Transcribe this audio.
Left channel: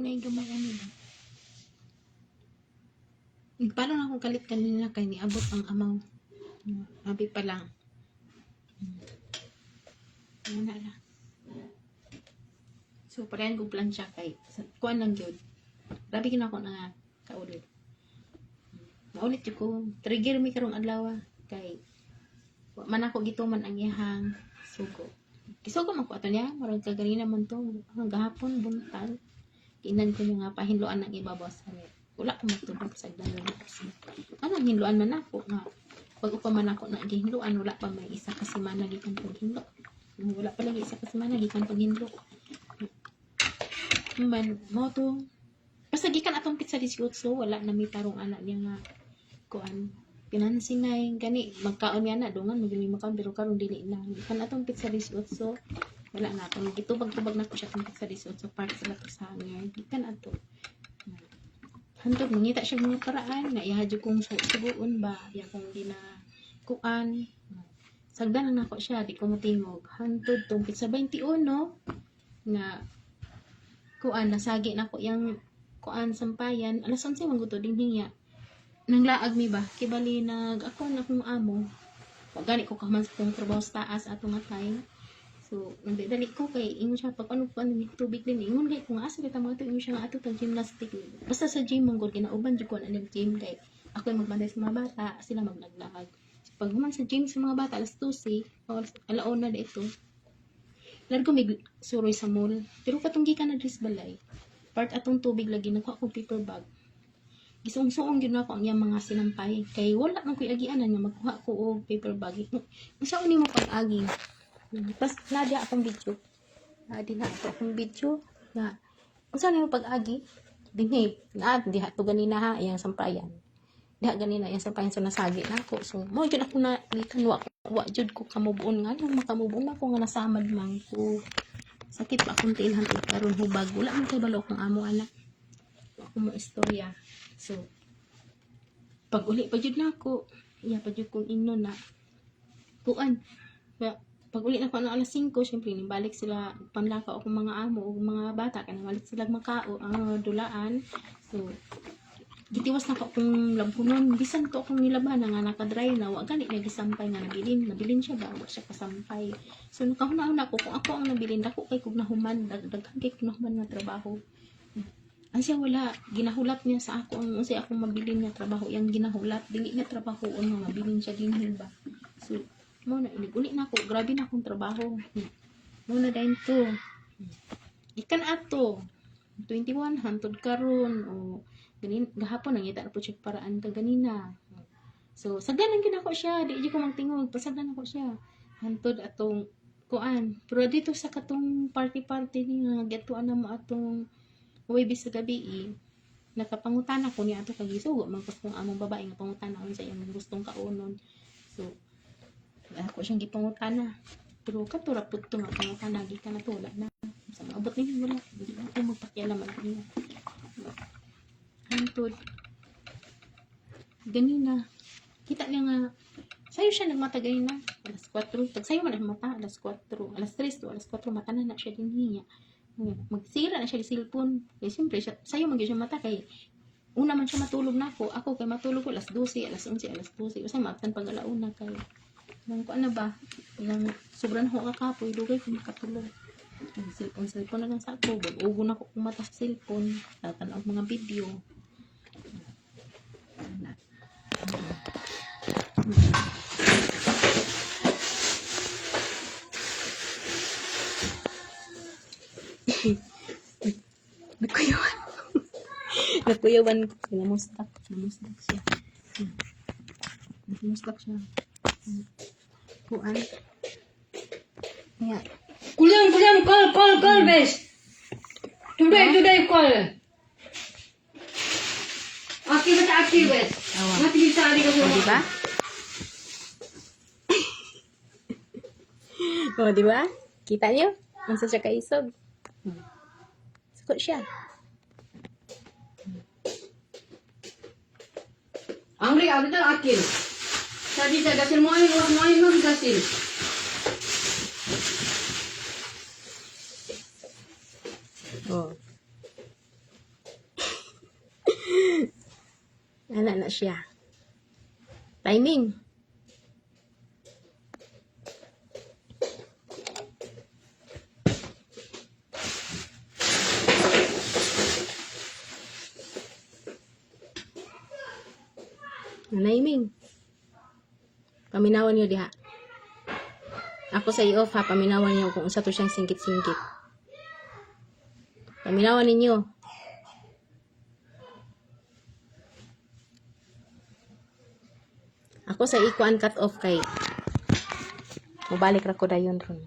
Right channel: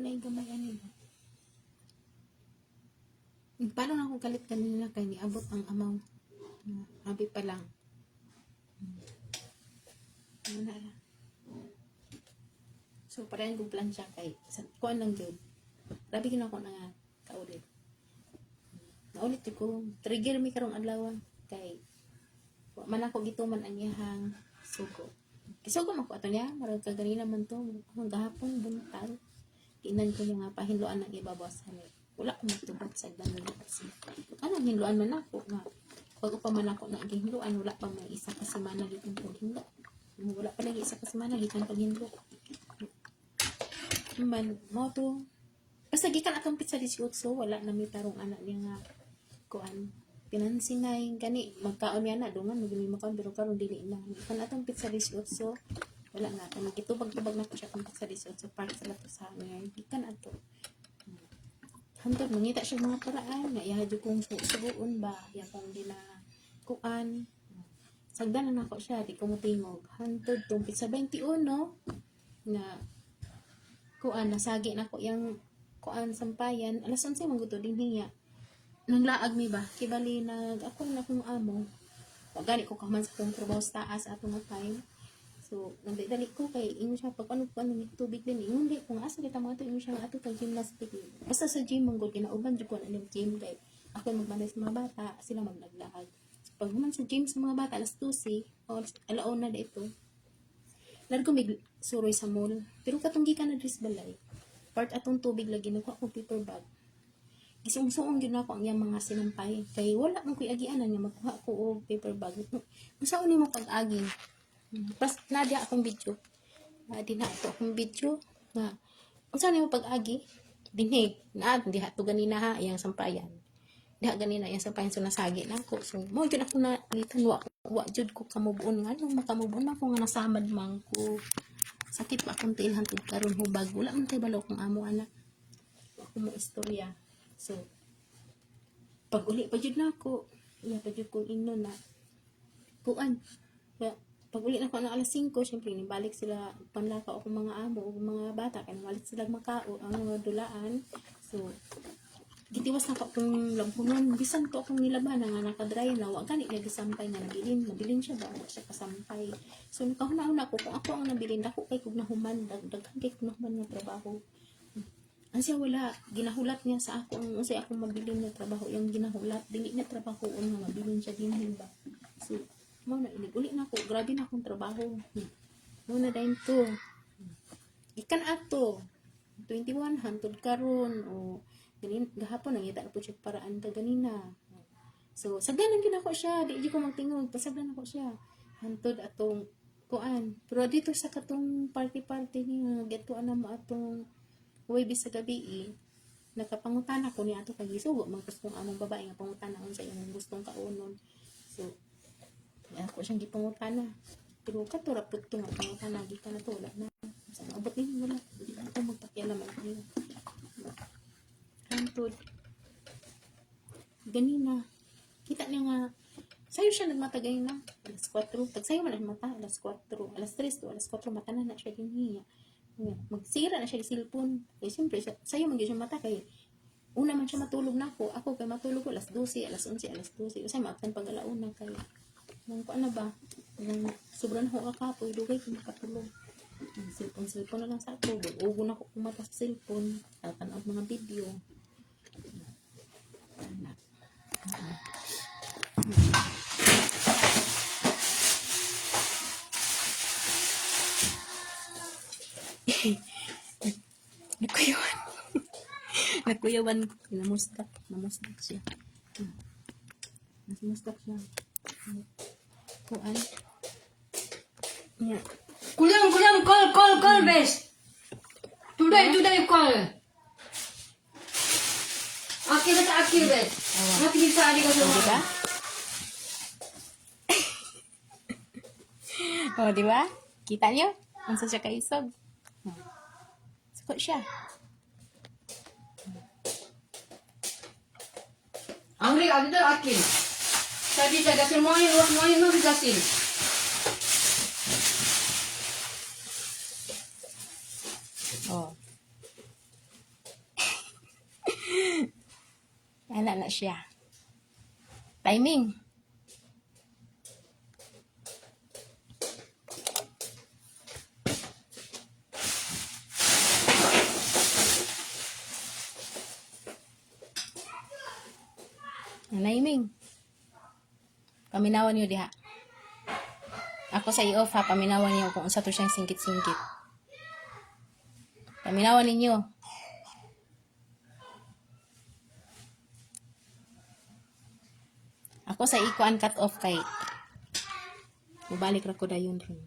kung naigamay ano ba. Paano na akong kalit kanina kay niabot ang amaw. Sabi pa lang. Wala na. So, parehan ko plan siya kay kuan lang yun. Grabe ko na kaulit. Naulit yun ko. Trigger mi karong adlaw kay man ako gituman ang iyahang sugo. Kisugo man ko ato niya. Marag kaganina man to. Hanggang hapon, buntag. Tinan ko niya nga pahinluan ng ibabaw sa amin. Wala ko matulog sa agdan ng kasi. Anong hinluan man ako nga. Pag upaman ako na gihinluan, wala pa may isa kasi managikan paghinlo. Wala pa lagi isa kasi managikan paghinlo. Man, mo to. Basta gikan atong pizza 18, wala na may tarong anak niya nga kuan. Financing na yung gani, magkaon niya na, dungan, magiging makaon, pero karon dili na. Gikan atong pizza 18, wala na akong gitubag-tubag na ko siya atong pizza 18, park sila to sa hangin. Gikan ato. Hantod, mangita siya mga paraan, na ihadyo kong suguon ba, iya kong ginakuan. Sagdan na ako siya, di ko mutingog. Hantod, tong pizza 21, na kuan nasagi na ko yang kuan sampayan alas 11 mangguto din niya nang laag mi ba kibali ako na kung amo pagani ko kaman sa kong trabaho sa taas ato matay so nagdali ko kay ingon siya pag ano tubig din ingon kay kung asa kita mo ito ingon siya nga ato tag gymnastic basta sa gym mong gud ginauban jud ko na gym kay ako magmanday sa mga bata sila magnaglaag so, pag human sa gym sa mga bata alas 12 o alauna na ito largo mig suroy sa mall. Pero katong gikan na dres balay. Part atong tubig lagi nako akong paper bag. Gisung-suong gyud nako ang iyang mga sinampay. Kay wala man koy agianan nga magkuha ko og paper bag. Unsa ni mo pag-agi? Pas nada akong video. Di na ato akong video na unsa ni mo pag-agi? Dinhi na diha to ganina ha iyang sampayan. Diha ganina iyang sampayan so nasagi na ako. So mo jud ako na likan wa jud ko kamubuon nga nang makamubuon ako nga nasamad man ko sakit pa akong tilhan karon hubag wala man kay balo kung amo anak ako mo istorya so pag uli pa jud nako iya pa jud kong inno na kuan pag uli na ko ano alas 5 syempre ni balik sila panlakaw ako mga amo ug mga bata kay balik sila makao ang dulaan so gitiwas na ko akong lampunon bisan ko akong nilaban nga nakadry na wa gani niya gisampay nga nabilin siya ba wa siya kasampay so nakahuna-una ko kung ako ang nabilin ako kay kog nahuman daghan kay kog nahuman nga trabaho ang siya wala ginahulat niya sa ako ang unsay akong mabilin nga trabaho yang ginahulat dili niya trabaho nga mabilin siya dinhi ba so mo na uli na ako grabe na akong trabaho mo na dayon to ikan ato 21 hantod karon o ganin gahapon nangita na po siya paraan ka ganina so sagdan ang ako siya di ko magtingog pasagdan ako siya hantod atong kuan pero dito sa katong party ni nga gatuan na mo atong uwi sa gabi nakapangutan ako niya ato kag isugo man kas kung among babae nga pangutan na sa imong gustong kaunon so ako siyang gipangutan na pero katura pud to nga pangutan na gikan na to wala na sa maabot ni wala ito magpakialaman ko niya hantod ganina kita niya nga sayo siya nagmata ganina alas 4 pag sayo man ang mata alas 4 alas 3 to alas 4 mata na siya din niya magsira na siya yung cellphone kaya siyempre sayo mag siya mata kay una man siya matulog na ako kay matulog ko alas 12 alas 11 alas 12 kasi maabtan pag alauna kay nang ko ano ba nang sobrang ho kakapoy dugay ko makatulog cellphone na lang sa ako ugo na ko kumata sa cellphone tatan ang mga video nakuyawan ko namustak siya kuan yeah Kuliam, call, bes. Today, call. Active, bes. Mati sa ali ka sa diba? O, diba? Kita niyo? Unsa siya kaisog? Suko siya. Ang liya dito akil. Tadi jaga sil mo yung gasil. Oh. Ana na siya. Timing. Timing. Paminawan niyo diha. Ako sa i-off ha, paminawan niyo kung unsa to siyang singkit-singkit. Paminawan ninyo. Ako sa ikuan cut off kay mubalik ra ko dayon ron.